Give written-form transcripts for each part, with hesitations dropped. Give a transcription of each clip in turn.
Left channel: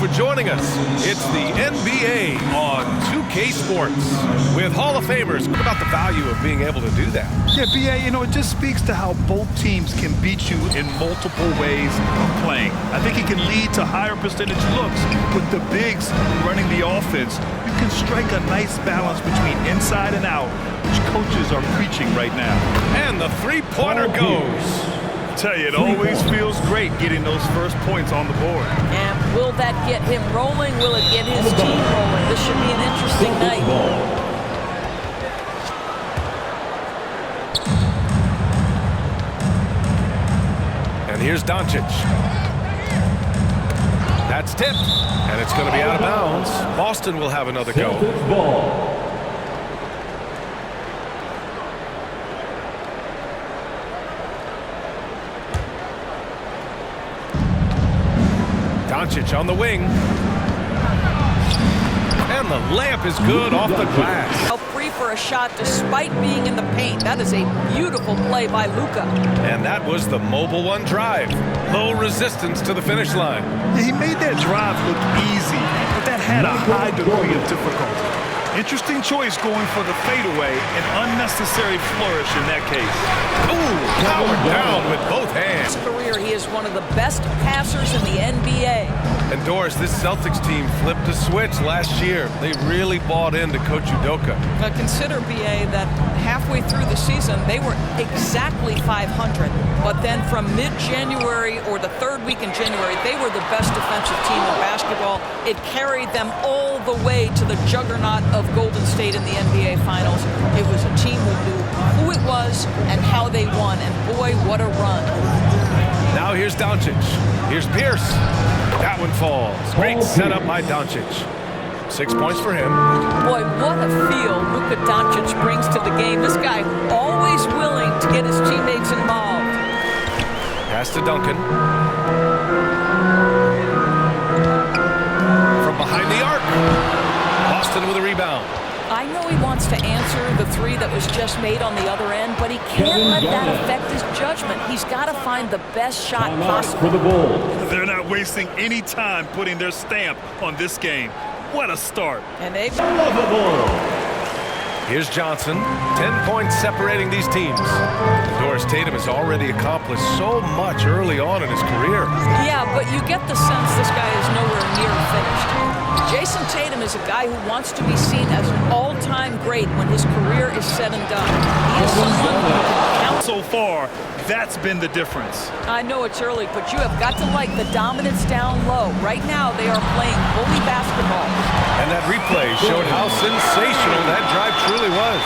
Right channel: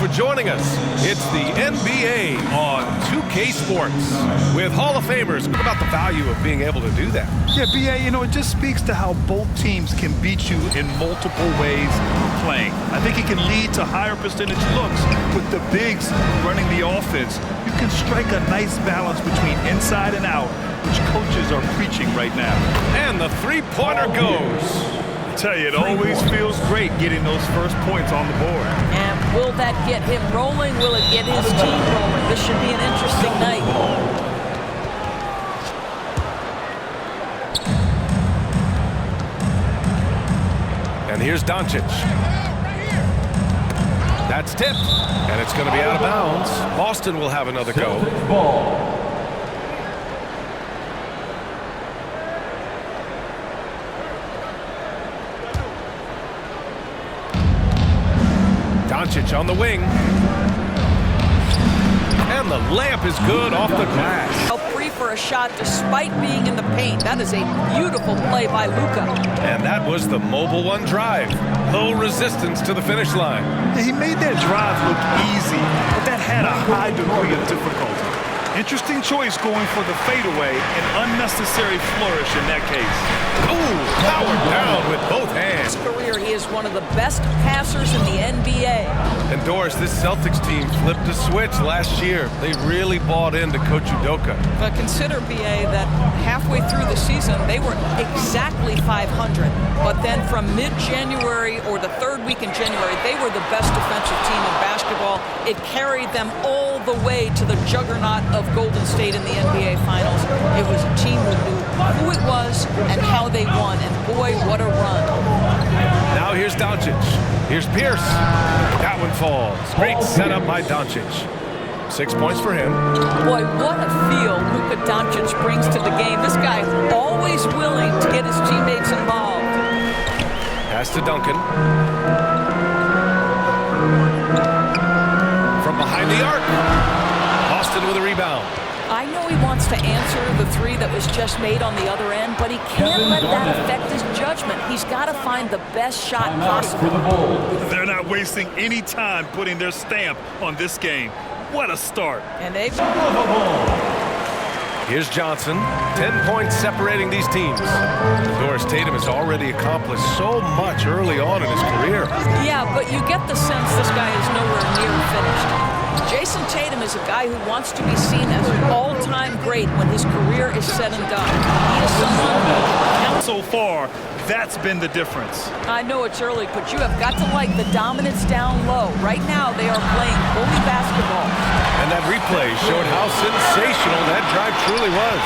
for joining us. It's the NBA on 2K Sports with Hall of Famers. What about the value of being able to do that? Yeah, BA, it just speaks to how both teams can beat you in multiple ways of playing. I think it can lead to higher percentage looks with the bigs running the offense. You can strike a nice balance between inside and out, which coaches are preaching right now. And the three-pointer goes. I tell you, it always feels great getting those first points on the board. And will that get him rolling? Will it get his team rolling? This should be an interesting night. And here's Doncic. That's tipped, and it's going to be out of bounds. Boston will have another go. Doncic on the wing. And the layup is good off the glass. Free for a shot despite being in the paint. That is a beautiful play by Luka. And that was the mobile one drive. Low resistance to the finish line. Yeah, he made that drive look easy, but that had a high degree of difficulty. Interesting choice going for the fadeaway, an unnecessary flourish in that case. Ooh, powered down with both hands. In his career, he is one of the best passers in the NBA. And Doris, this Celtics team flipped a switch last year. They really bought into Coach Udoka. But consider, BA, that halfway through the season, they were exactly 500. But then from mid-January or the third week in January, they were the best defensive team in basketball. It carried them all the way to the juggernaut of Golden State in the NBA Finals. It was a team who knew who it was and how they won. And boy, what a run. Now here's Doncic. Here's Pierce. That one falls. Great setup by Doncic. 6 points for him. Boy, what a feel Luka Doncic brings to the game. This guy always willing to get his teammates involved. Pass to Duncan. From behind the arc. Boston with a rebound. I know he wants to answer the three that was just made on the other end, but he can't let that affect his judgment. He's got to find the best shot possible. They're not wasting any time putting their stamp on this game. What a start. And they... Here's Johnson. 10 points separating these teams. Doris Tatum has already accomplished so much early on in his career. Yeah, but you get the sense this guy is nowhere near finished. Jason Tatum is a guy who wants to be seen as an all-time great when his career is said and done. He is someone who can count. So far, that's been the difference. I know it's early, but you have got to like the dominance down low. Right now, they are playing bully basketball. And that replay showed how sensational that drive truly was.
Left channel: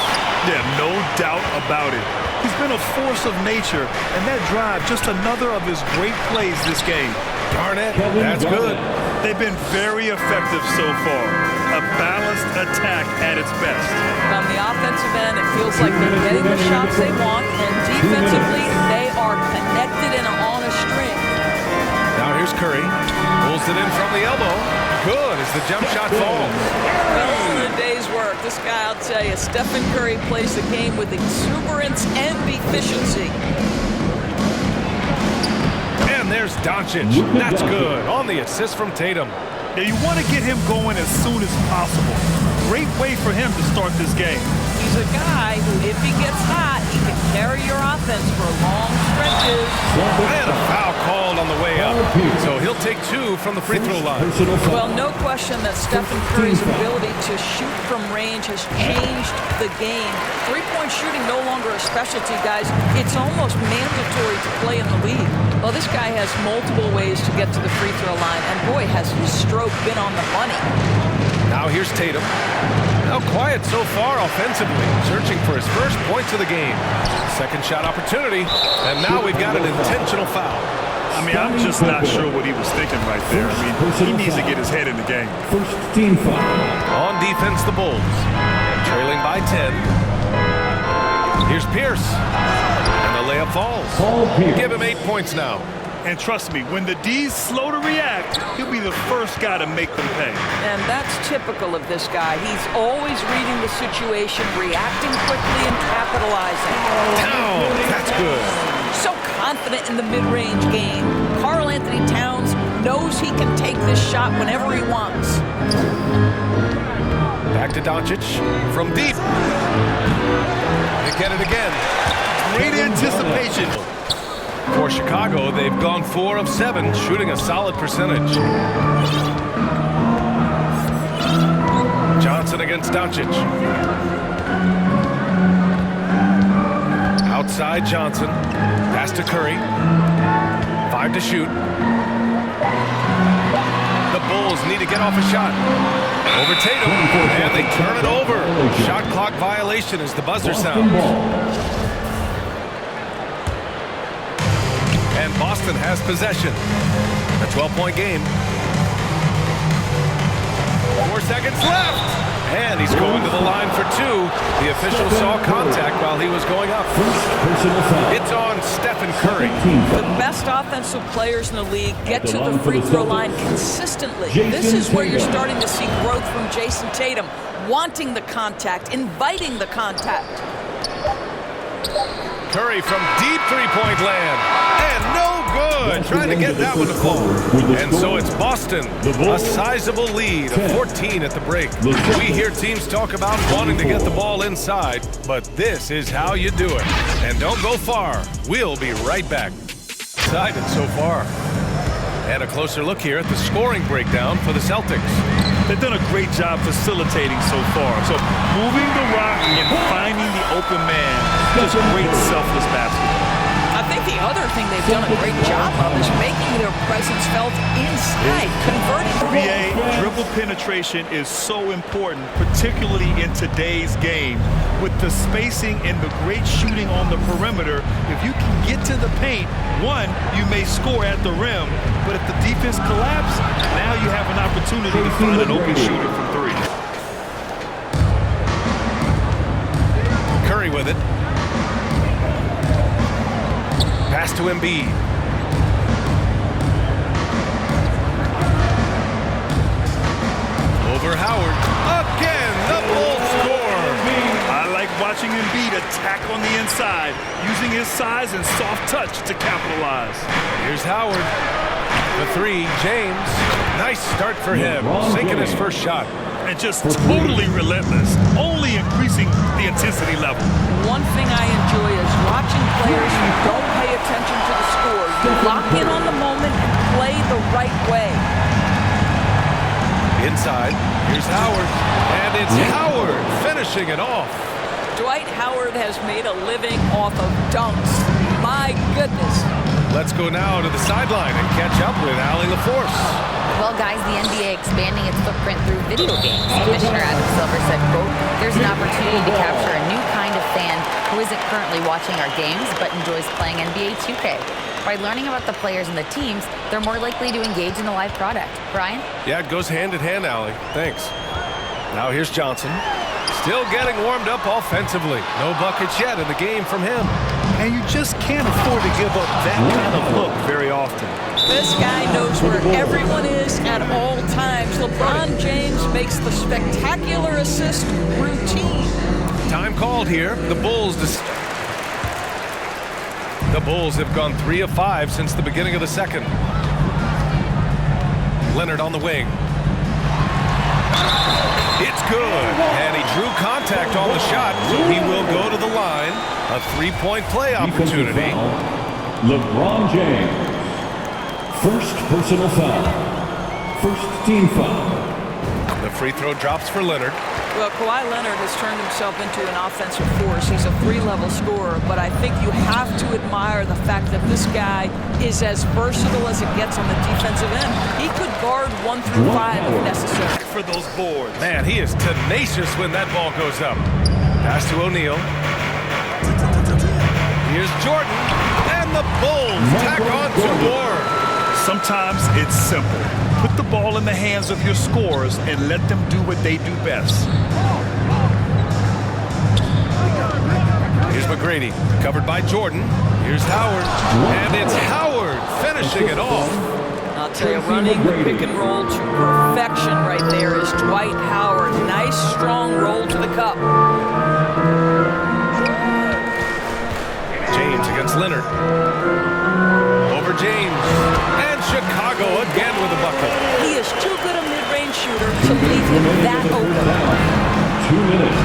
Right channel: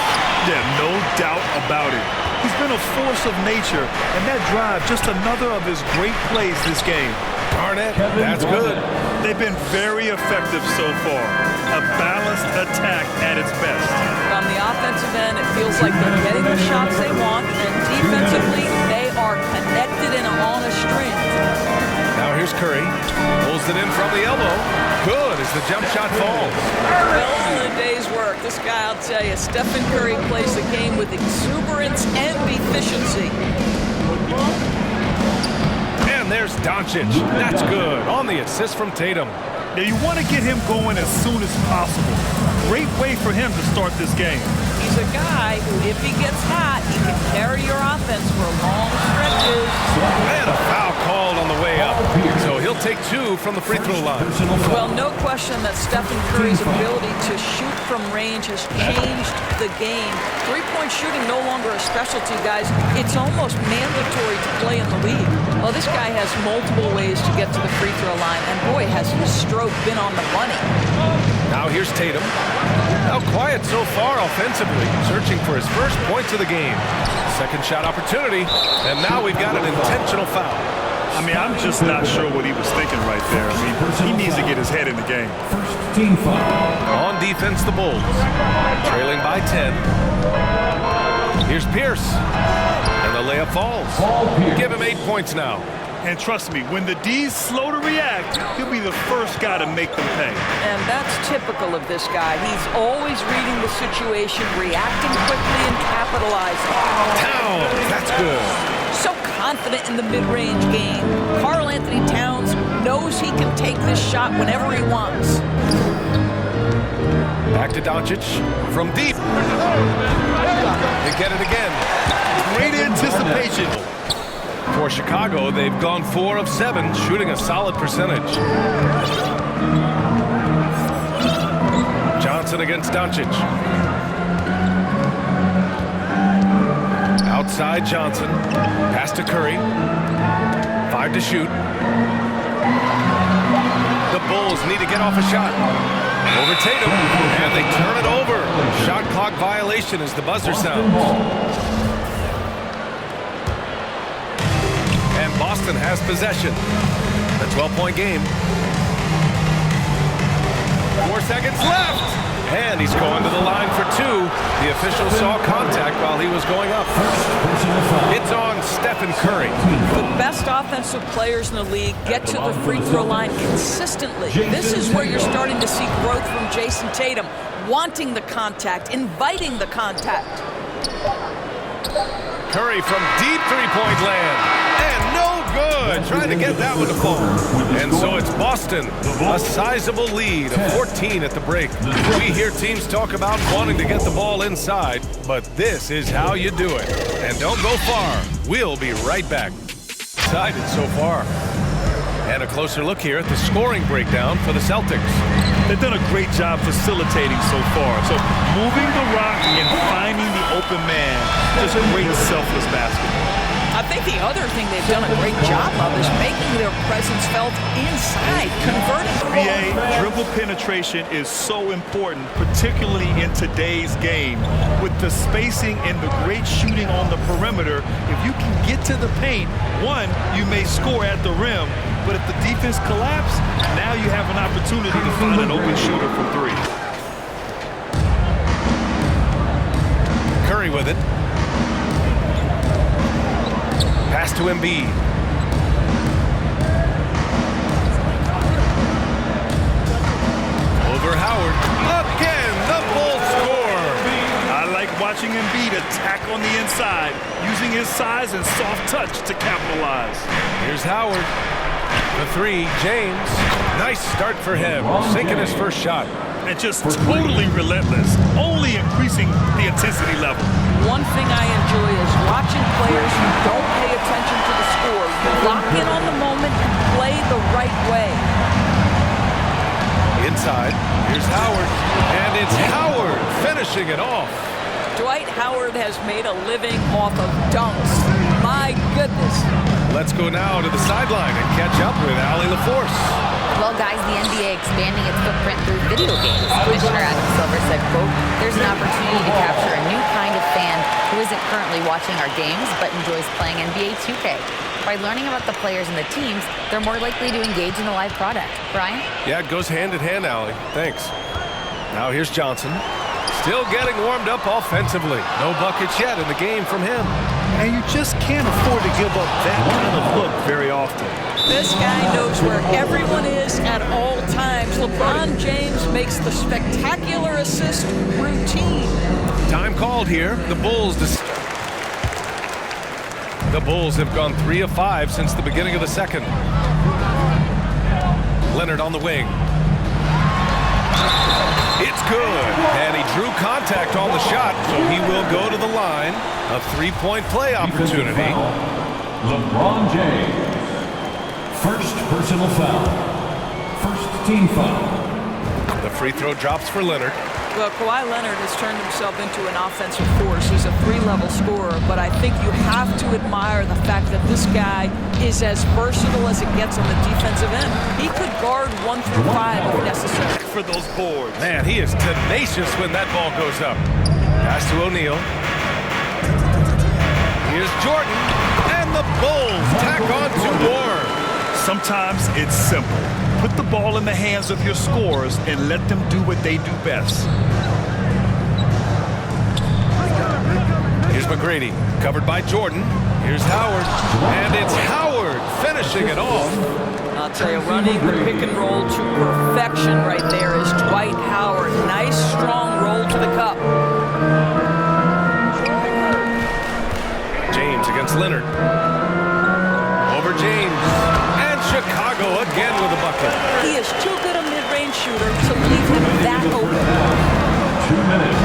Yeah, no doubt about it. He's been a force of nature, and that drive, just another of his great plays this game. Darn it, that's good. They've been very effective so far. A balanced attack at its best. On the offensive end, it feels like they're getting the shots they want, and defensively, they are connected and on a string. Now here's Curry. Pulls it in from the elbow. Good as the jump shot falls. Well, all in a day's work. This guy, I'll tell you, Stephen Curry plays the game with exuberance and efficiency. And there's Doncic. That's good. On the assist from Tatum. Now you want to get him going as soon as possible. Great way for him to start this game. He's a guy who, if he gets hot, he can carry your offense for long stretches. And a foul called on the way up. So he'll take 2 from the free throw line. Well, no question that Stephen Curry's ability to shoot from range has changed the game. Three-point shooting no longer a specialty, guys. It's almost mandatory to play in the league. Well, this guy has multiple ways to get to the free throw line, and boy, has his stroke been on the money. Now here's Tatum. Now quiet so far offensively, searching for his first points of the game. Second shot opportunity, and now we've got an intentional foul. I mean, I'm just not sure what he was thinking right there. I mean, he needs to get his head in the game. First team foul. On defense, the Bulls. Trailing by 10. Here's Pierce. And the layup falls. Give him 8 points now. And trust me, when the D's slow to react, he'll be the first guy to make them pay. And that's typical of this guy. He's always reading the situation, reacting quickly, and capitalizing. Towns, that's good. So confident in the mid-range game. Karl Anthony Towns knows he can take this shot whenever he wants. Back to Doncic from deep. They get it again. Great anticipation. For Chicago, they've gone 4 of 7, shooting a solid percentage. Johnson against Doncic. Outside Johnson. Pass to Curry. 5 to shoot. The Bulls need to get off a shot. Over Tatum, and they turn it over. Shot clock violation as the buzzer sounds. And Boston has possession. A 12-point game. 4 seconds left. And he's going to the line for 2. The official saw contact while he was going up. It's on Stephen Curry. The best offensive players in the league get to the free throw line consistently. This is where you're starting to see growth from Jason Tatum, wanting the contact, inviting the contact. Curry from deep three-point land. And no good. Trying to get that one to fall. And so it's Boston. A sizable lead of 14 at the break. We hear teams talk about wanting to get the ball inside, but this is how you do it. And don't go far. We'll be right back. Excited so far. And a closer look here at the scoring breakdown for the Celtics. They've done a great job facilitating so far. So moving the rock and finding the open man, just great selfless basketball. I think the other thing they've done a great job of is making their presence felt inside, converting the ball. BA, dribble penetration is so important, particularly in today's game. With the spacing and the great shooting on the perimeter, if you can get to the paint, one, you may score at the rim, but if the defense collapses, now you have an opportunity to find an open shooter from 3. Curry with it. Pass to Embiid. Over Howard. Again, the Bulls score. I like watching Embiid attack on the inside, using his size and soft touch to capitalize. Here's Howard. The 3, James. Nice start for him, sinking his first shot. And just totally relentless, only increasing the intensity level. One thing I enjoy is watching players who don't pay attention to the score. You lock in on the moment and play the right way. Inside, here's Howard. And it's Howard finishing it off. Dwight Howard has made a living off of dunks. My goodness. Let's go now to the sideline and catch up with Allie LaForce. Well, guys, the NBA expanding its footprint through video games. Commissioner Adam Silver said, quote, "There's an opportunity to capture a new kind of fan who isn't currently watching our games but enjoys playing NBA 2K. By learning about the players and the teams, they're more likely to engage in the live product." Brian? Yeah, it goes hand in hand, Allie. Thanks. Now here's Johnson. Still getting warmed up offensively. No buckets yet in the game from him. And you just can't afford to give up that kind of look very often. This guy knows where everyone is at all times. LeBron James makes the spectacular assist routine. Time called here. The Bulls have gone 3 of 5 since the beginning of the second. Leonard on the wing. It's good. And he drew contact on the shot, so he will go to the line. A 3-point play opportunity. LeBron James. First personal foul. First team foul. The free throw drops for Leonard. Well, Kawhi Leonard has turned himself into an offensive force. He's a 3-level scorer, but I think you have to admire the fact that this guy is as versatile as it gets on the defensive end. He could guard 1 through 5 if necessary. For those boards. Man, he is tenacious when that ball goes up. Pass to O'Neal. Here's Jordan, and the Bulls tack on 2 more. Sometimes it's simple. Put the ball in the hands of your scorers and let them do what they do best. Here's McGrady, covered by Jordan. Here's Howard, and it's Howard finishing it off. I'll tell you, running the pick and roll to perfection right there is Dwight Howard. Nice, strong roll to the cup. James against Leonard. Over James, and It's Chicago again with a bucket. He is too good a mid-range shooter to leave him that open. 2 minutes.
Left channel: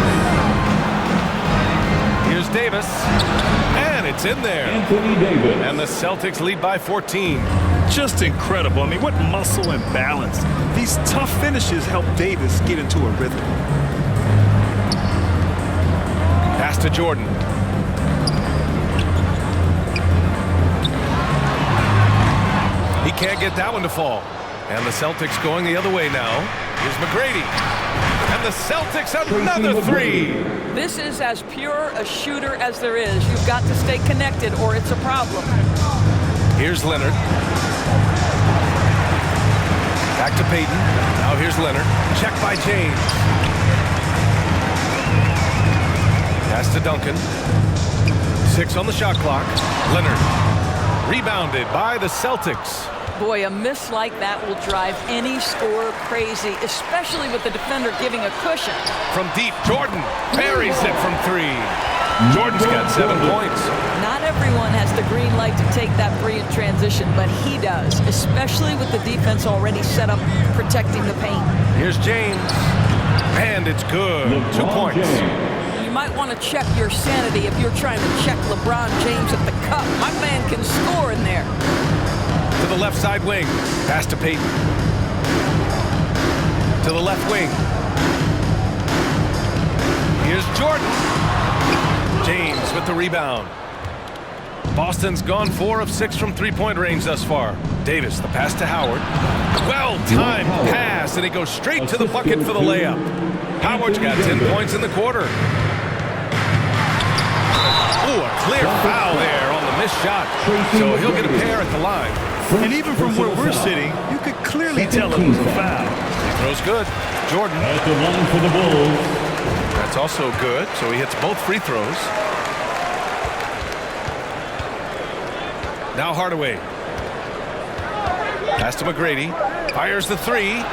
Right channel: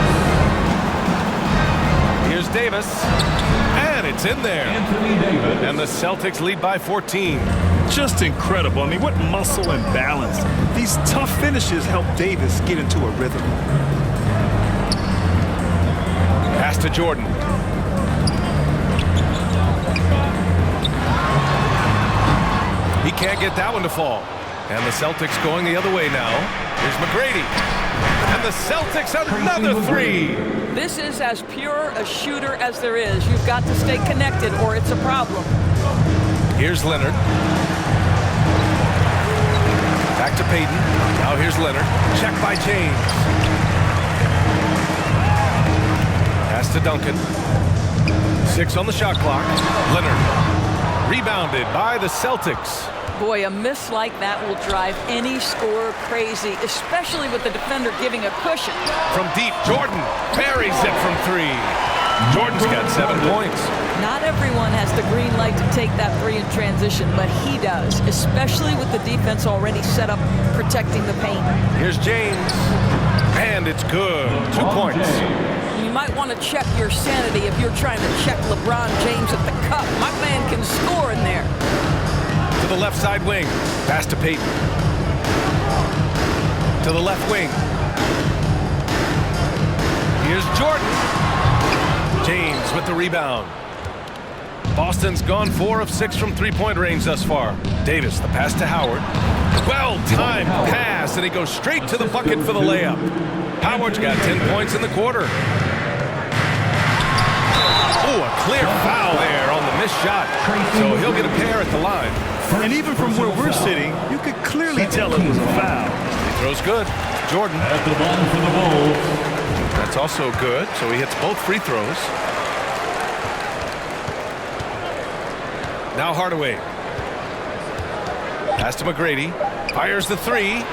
Here's Davis, and it's in there. Anthony Davis. And the Celtics lead by 14. Just incredible. I mean, what muscle and balance. These tough finishes help Davis get into a rhythm. Pass to Jordan. He can't get that one to fall. And the Celtics going the other way now. Here's McGrady. And the Celtics another three. This is as pure a shooter as there is. You've got to stay connected or it's a problem. Here's Leonard. Back to Payton. Now here's Leonard. Check by James. Pass to Duncan. 6 on the shot clock. Leonard. Rebounded by the Celtics. Boy, a miss like that will drive any scorer crazy, especially with the defender giving a cushion. From deep, Jordan buries it from 3. Jordan's got 7 points. Not everyone has the green light to take that 3 in transition, but he does, especially with the defense already set up protecting the paint. Here's James. And it's good. 2 points. You might want to check your sanity if you're trying to check LeBron James at the cup. My man can score in there. To the left side wing. Pass to Payton. To the left wing. Here's Jordan. James with the rebound. Boston's gone 4 of 6 from three-point range thus far. Davis, the pass to Howard. Well-timed pass, and he goes straight to the bucket for the layup. Howard's got 10 points in the quarter. Oh, a clear foul there on the missed shot. So he'll get a pair at the line. And even from where we're sitting, you could clearly tell it was a foul. He throws good. Jordan. At the line for the Bulls. That's also good, so he hits both free throws. Now Hardaway. Pass to McGrady. Fires the 3.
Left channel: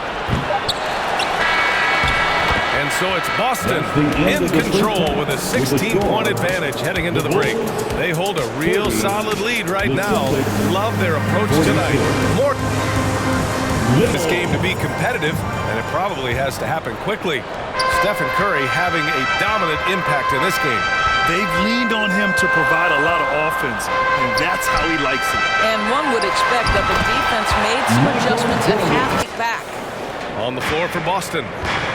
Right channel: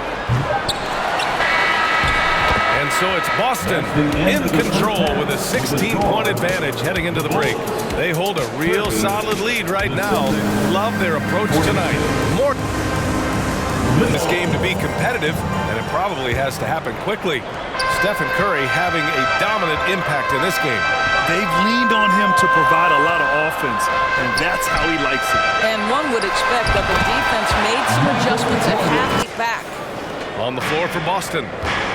And so it's Boston in control with a 16-point advantage heading into the break. They hold a real solid lead right now. Love their approach tonight. More in this game to be competitive, and it probably has to happen quickly. Stephen Curry having a dominant impact in this game. They've leaned on him to provide a lot of offense, and that's how he likes it. And one would expect that the defense made some adjustments at half back. On the floor for Boston.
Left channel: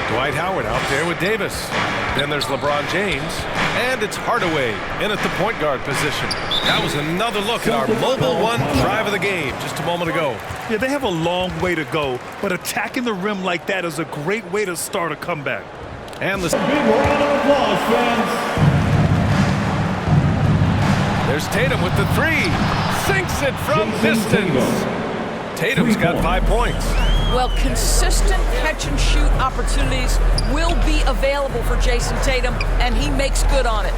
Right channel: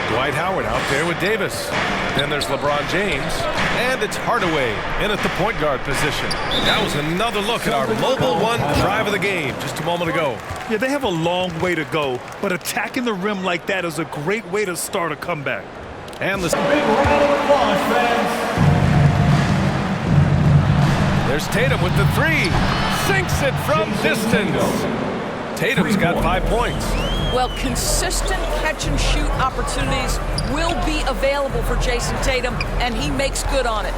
Dwight Howard out there with Davis. Then there's LeBron James. And it's Hardaway in at the point guard position. That was another look at our mobile one drive of the game just a moment ago. Yeah, they have a long way to go, but attacking the rim like that is a great way to start a comeback. And the Big round of applause, fans. There's Tatum with the 3. Sinks it from distance. Tatum's got 5 points. Well, consistent catch-and-shoot opportunities will be available for Jason Tatum, and he makes good on it.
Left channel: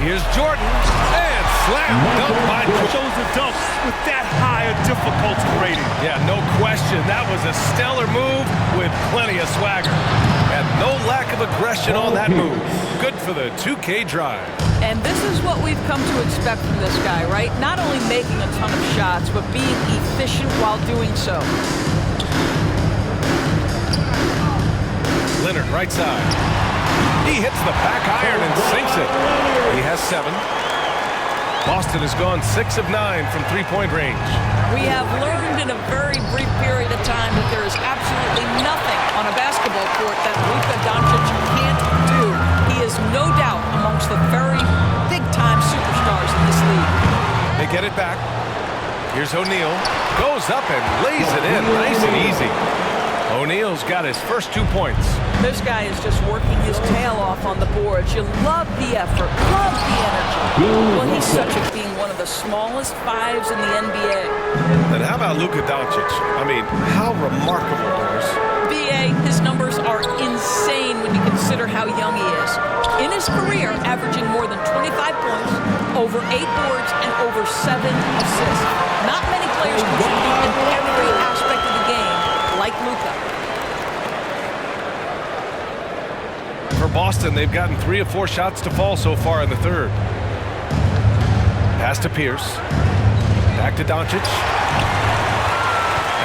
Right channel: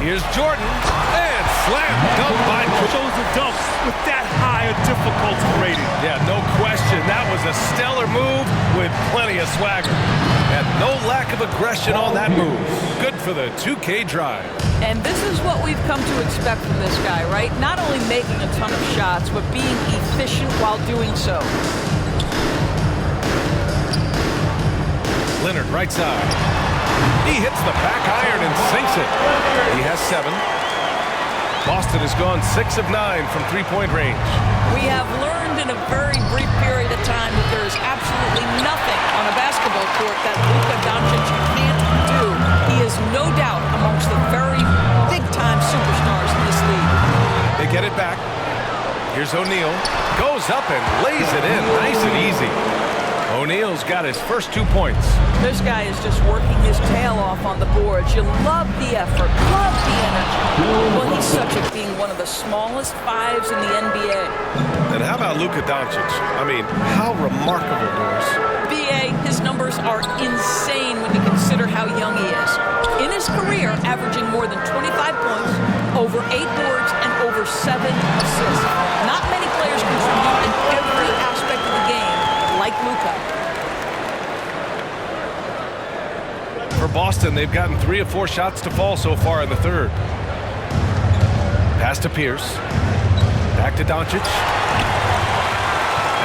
Here's Jordan, and slam dunk by Jordan. Shows the dunk with that high a difficulty rating. Yeah, no question. That was a stellar move with plenty of swagger. And no lack of aggression on that move. Good for the 2K drive. And this is what we've come to expect from this guy, right? Not only making a ton of shots, but being efficient while doing so. Leonard, right side. He hits the back iron and sinks it. He has 7. Boston has gone 6 of 9 from three-point range. We have learned in a very brief period of time that there is absolutely nothing on a basketball court that Luka Doncic can't do. He is no doubt amongst the very big-time superstars in this league. They get it back. Here's O'Neal. Goes up and lays it in nice and easy. O'Neal's got his first 2 points. This guy is just working his tail off on the boards. You love the effort, love the energy. Well, he's such a being one of the smallest 5s in the NBA. And how about Luka Doncic? I mean, how remarkable, Doris. BA, his numbers are insane when you consider how young he is. In his career, averaging more than 25 points, over 8 boards, and over 7 assists. Not many players contribute in every aspect of the game like Luka. For Boston, they've gotten 3 of 4 shots to fall so far in the third. Pass to Pierce. Back to Doncic.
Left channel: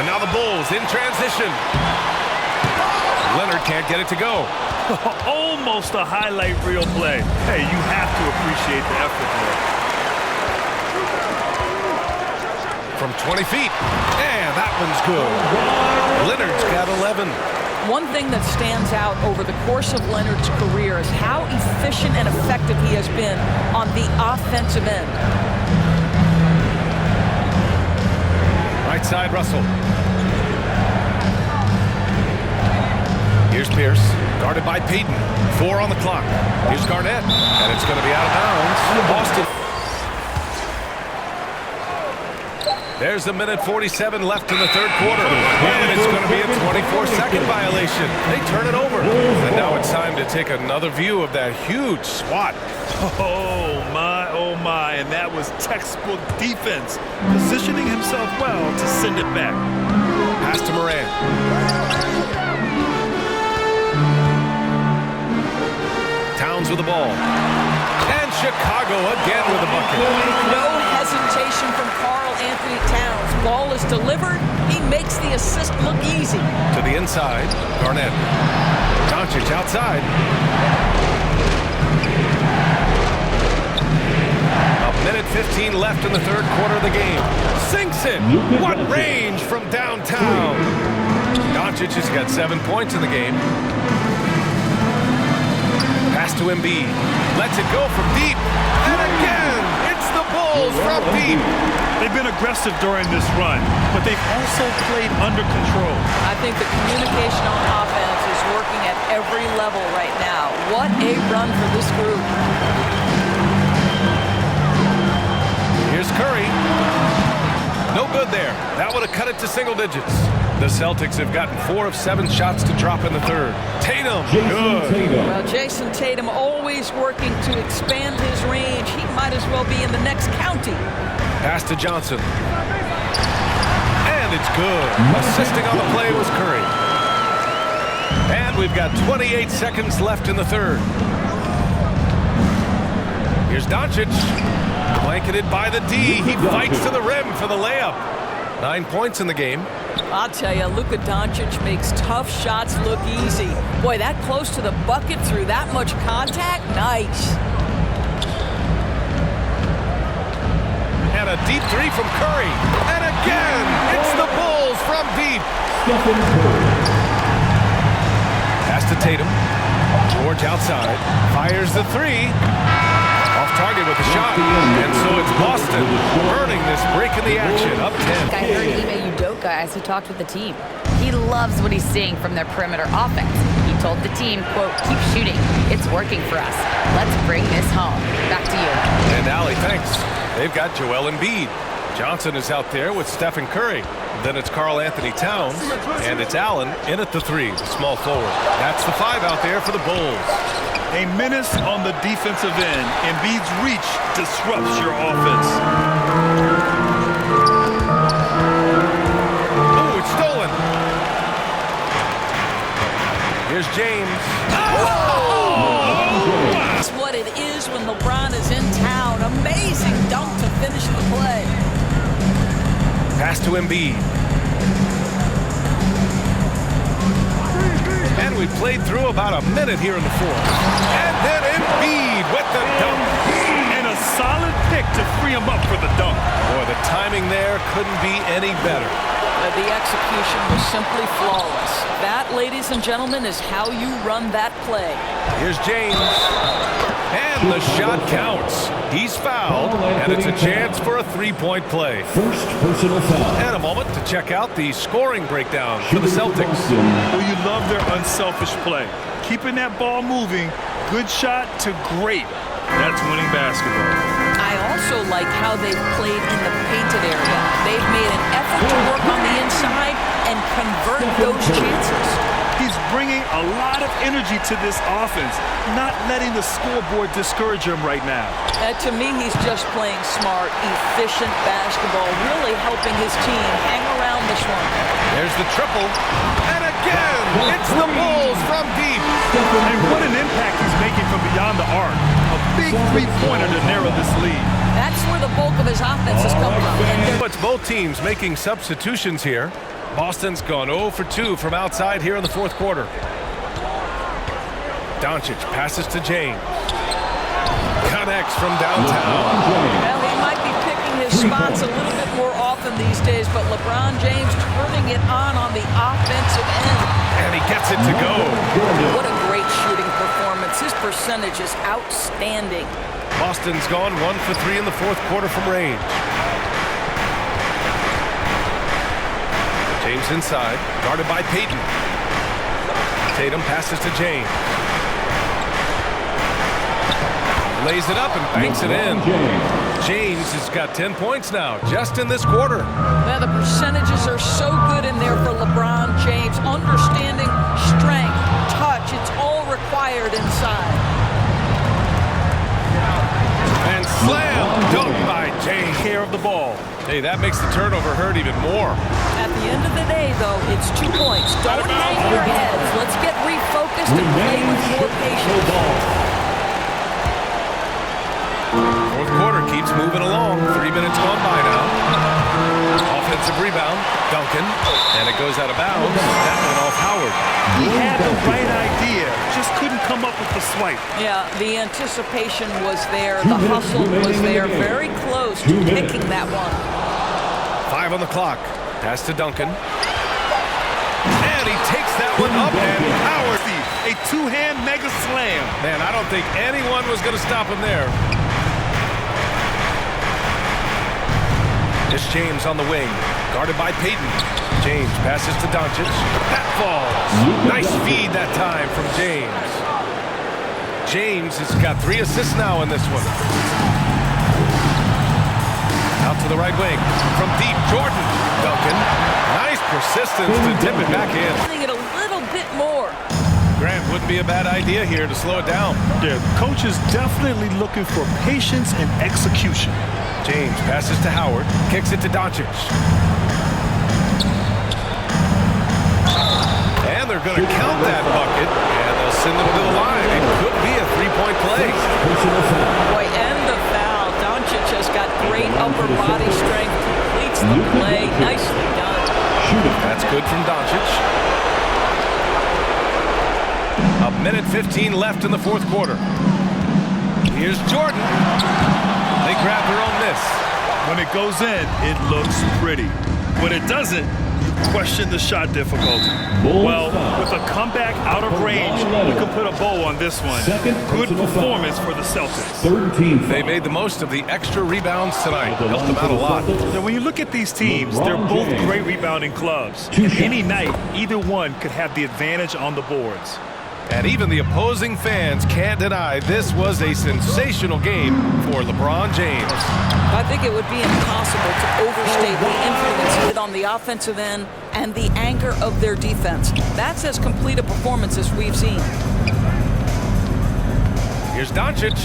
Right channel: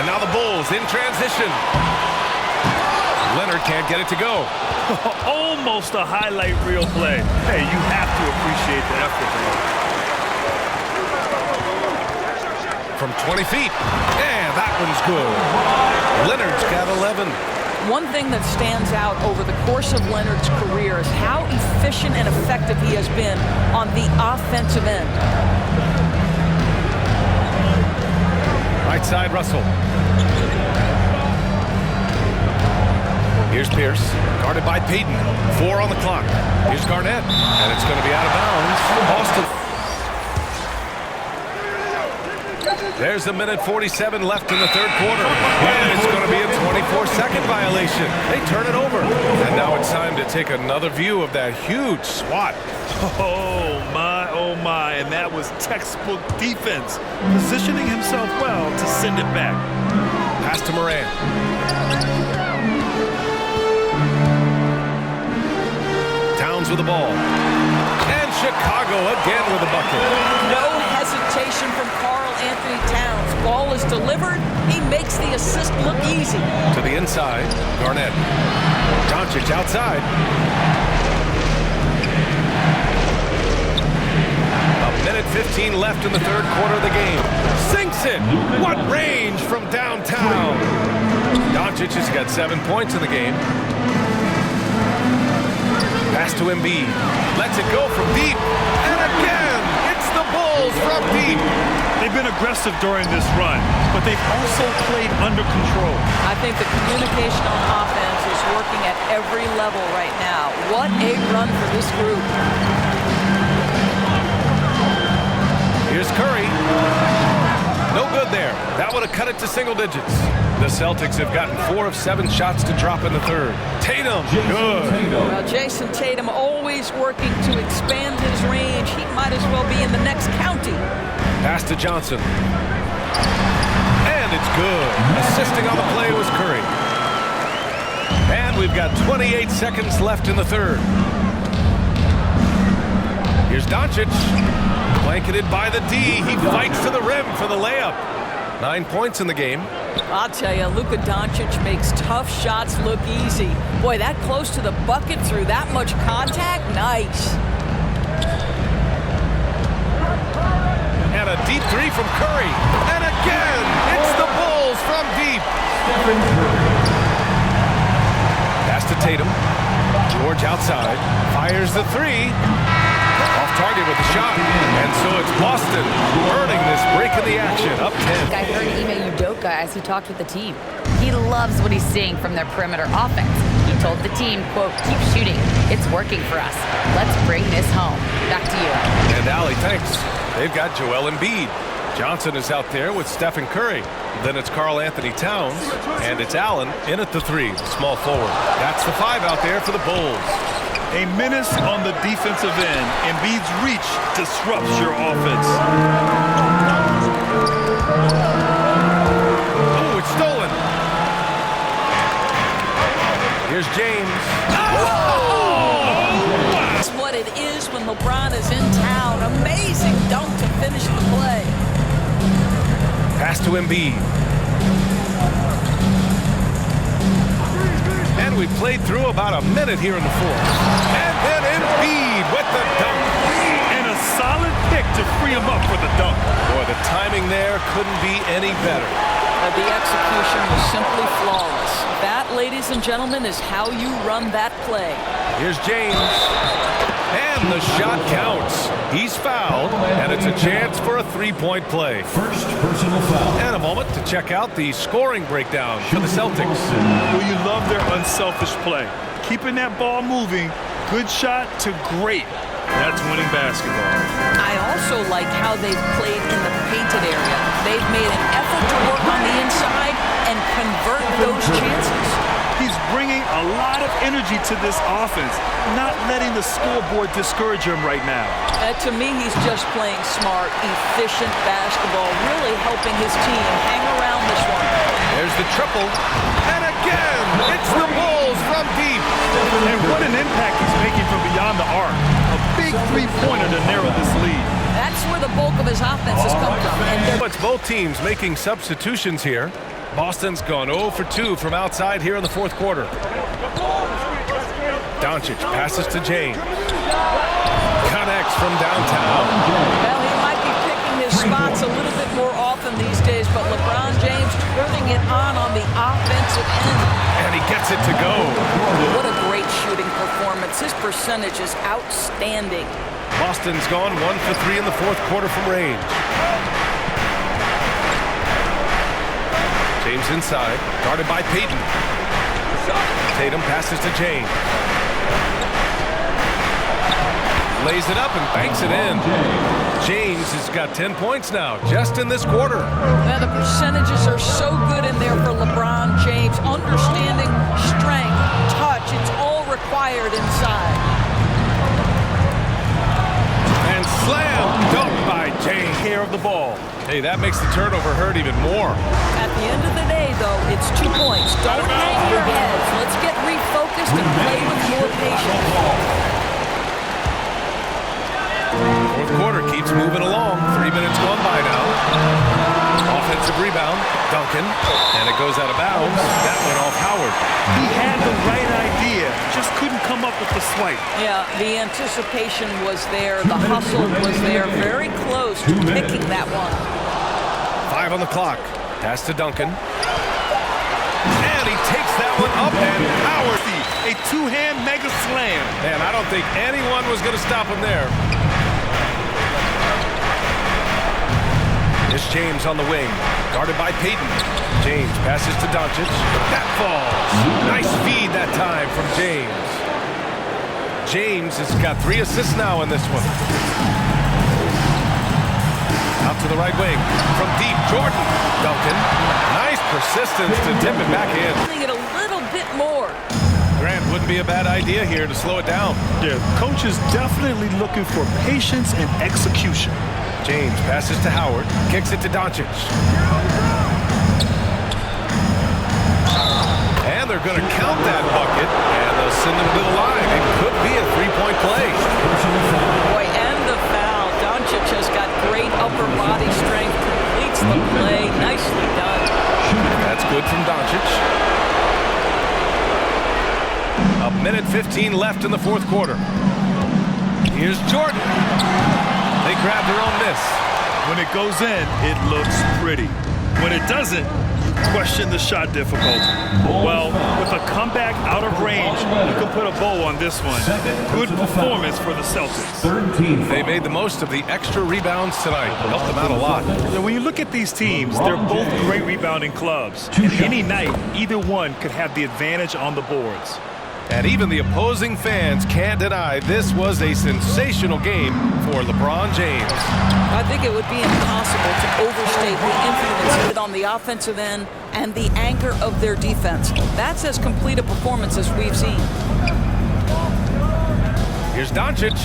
And now the Bulls in transition. Leonard can't get it to go. Almost a highlight reel play. Hey, you have to appreciate the effort there. From 20 feet. And that one's good. Leonard's got 11. One thing that stands out over the course of Leonard's career is how efficient and effective he has been on the offensive end. Right side, Russell. Here's Pierce, guarded by Payton. 4 on the clock. Here's Garnett, and it's going to be out of bounds. Boston. There's a minute 47 left in the third quarter, and it's going to be a 24-second violation. They turn it over, and now it's time to take another view of that huge swat. Oh my, and that was textbook defense, positioning himself well to send it back. Pass to Moran. Towns with the ball. And Chicago again with a bucket. No hesitation from Karl Anthony Towns. Ball is delivered. He makes the assist look easy. To the inside, Garnett. Doncic outside. A minute 15 left in the third quarter of the game. Sinks it. What range from downtown. Doncic has got 7 points in the game. Pass to Embiid. Lets it go from deep. And again, it's the Bulls from deep. They've been aggressive during this run, but they've also played under control. I think the communication on offense is working at every level right now. What a run for this group. Here's Curry. No good there. That would have cut it to single digits. The Celtics have gotten 4 of 7 shots to drop in the third. Tatum, good. Well, Jason Tatum always working to expand his range. He might as well be in the next county. Pass to Johnson. And it's good. Assisting on the play was Curry. And we've got 28 seconds left in the third. Here's Doncic. Blanketed by the D. He fights to the rim for the layup. 9 points in the game. I'll tell you, Luka Doncic makes tough shots look easy. Boy, that close to the bucket through that much contact, nice. And a deep 3 from Curry. And again, it's the Bulls from deep. Stephen Curry. Pass to Tatum. George outside. Fires the 3. Off target with the shot. And so it's Boston earning this break in the action. Up 10. I heard Ime Udoka as he talked with the team. He loves what he's seeing from their perimeter offense. He told the team, quote, "Keep shooting. It's working for us. Let's bring this home." Back to you. And Allie, thanks. They've got Joel Embiid. Johnson is out there with Stephen Curry. Then it's Karl Anthony Towns. And it's Allen in at the 3, the small forward. That's the 5 out there for the Bulls. A menace on the defensive end. Embiid's reach disrupts your offense. Oh, it's stolen. Here's James. That's what it is when LeBron is in town. Amazing dunk to finish the play. Pass to Embiid. And we played through about a minute here in the fourth. And then Embiid with the dunk. And a solid pick to free him up for the dunk. Boy, the timing there couldn't be any better. The execution was simply flawless. That, ladies and gentlemen, is how you run that play. Here's James. And the shot counts. He's fouled, and it's a chance for a 3-point play. First personal foul. And a moment to check out the scoring breakdown for the Celtics. Well, you love their unselfish play. Keeping that ball moving, good shot to great. That's winning basketball. I also like how they've played in the painted area. They've made an effort to work on the inside and convert those chances. He's bringing a lot of energy to this offense, not letting the scoreboard discourage him right now. To me, he's just playing smart, efficient basketball, really helping his team hang around this one. There's the triple. And again, it's the Bulls from deep. And what an impact he's making from beyond the arc. A big three-pointer to narrow this lead. That's where the bulk of his offense has come from. And It's both teams making substitutions here. Boston's gone 0 for 2 from outside here in the fourth quarter. Doncic passes to James. Connects from downtown. Well, he might be picking his spots a little bit more often these days, but LeBron James turning it on the offensive end. And he gets it to go. What a great shooting performance. His percentage is outstanding. Boston's gone 1 for 3 in the fourth quarter from range. James inside, guarded by Payton. Tatum passes to James. Lays it up and banks it in. James has got 10 points now, just in this quarter. Now, the percentages are so good in there for LeBron James. Understanding strength, touch, it's all required inside. And slam dunk by James. Care of the ball. Hey, that makes the turnover hurt even more. At the end of the day, though, it's 2 points. Don't hang your heads. Let's get refocused and play with more patience. Fourth quarter keeps moving along. 3 minutes gone by now. Offensive rebound, Duncan, and it goes out of bounds. That went off Howard. He had the right idea, just couldn't come up with the swipe. Yeah, the anticipation was there. The hustle was there. Very close to picking that one. 5 on the clock. Pass to Duncan. And he takes that one up, and Howard. A two-hand mega slam. Man, I don't think anyone was going to stop him there. It's James on the wing, guarded by Payton. James passes to Doncic. That falls. Nice feed that time from James. James has got 3 assists now in this one. Out to the right wing. From deep, Jordan. Duncan. Nice persistence to tip it back in. It a little bit more. Grant, wouldn't be a bad idea here to slow it down. Yeah, coach is definitely looking for patience and execution. James passes to Howard, kicks it to Doncic. And they're going to count that bucket, and they'll send him to the line. It could be a 3-point play. Boy, and the foul. Doncic has got great upper body strength, completes the play. Nicely done. That's good from Doncic. 1:15 left in the fourth quarter. Here's Jordan. They grab their own miss. When it goes in, it looks pretty. When it doesn't, you question the shot difficulty. Well, with a comeback out of range, we can put a bow on this one. Good performance for the Celtics. They made the most of the extra rebounds tonight. Helped them out a lot. Now, when you look at these teams, they're both great rebounding clubs. And any night, either one could have the advantage on the boards. And even the opposing fans can't deny this was a sensational game for LeBron James. I think it would be impossible to overstate the influence he had on the offensive end and the anchor of their defense. That's as complete a performance as we've seen. Here's Doncic.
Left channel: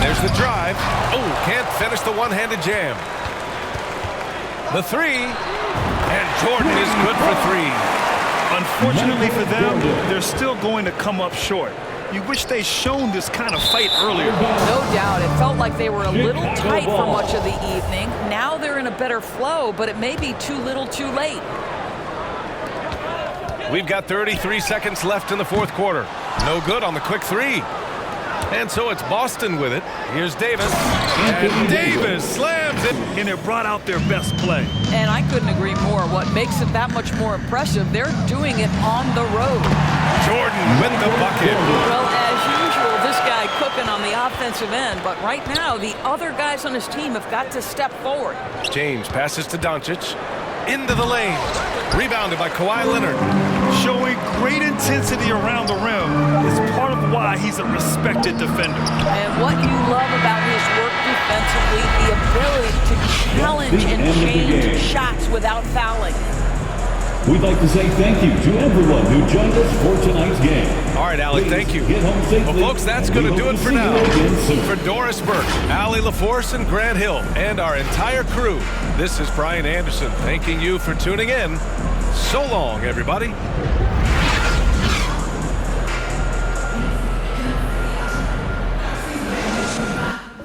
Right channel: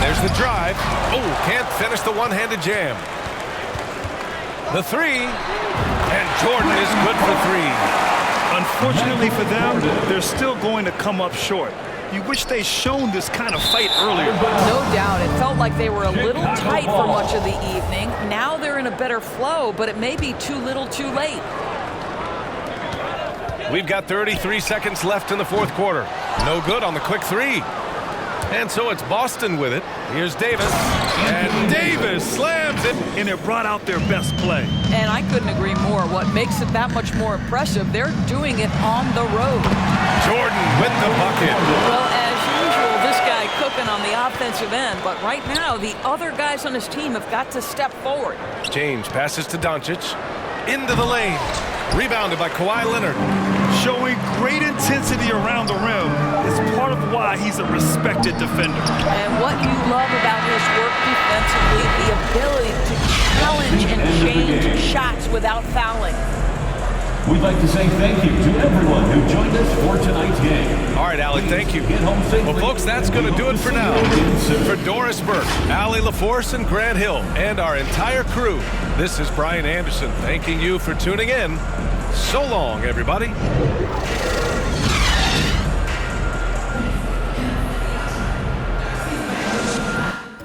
There's the drive. Oh, can't finish the one-handed jam. The 3. And Jordan is good for 3. Unfortunately for them, they're still going to come up short. You wish they'd shown this kind of fight earlier. No doubt. It felt like they were a little tight for much of the evening. Now they're in a better flow, but it may be too little too late. We've got 33 seconds left in the fourth quarter. No good on the quick 3. And so it's Boston with it. Here's Davis. And Davis slams it. And it brought out their best play. And I couldn't agree more. What makes it that much more impressive, they're doing it on the road. Jordan with the bucket. Well, as usual, this guy cooking on the offensive end. But right now, the other guys on his team have got to step forward. James passes to Doncic. Into the lane. Rebounded by Kawhi Leonard. Showing great intensity around the rim is part of why he's a respected defender. And what you love about his work defensively, the ability to challenge and change shots without fouling. We'd like to say thank you to everyone who joined us for tonight's game. All right, Allie, thank you. Well, folks, that's going to do it for now. For Doris Burke, Allie LaForce, and Grant Hill, and our entire crew, this is Brian Anderson thanking you for tuning in. So long, everybody.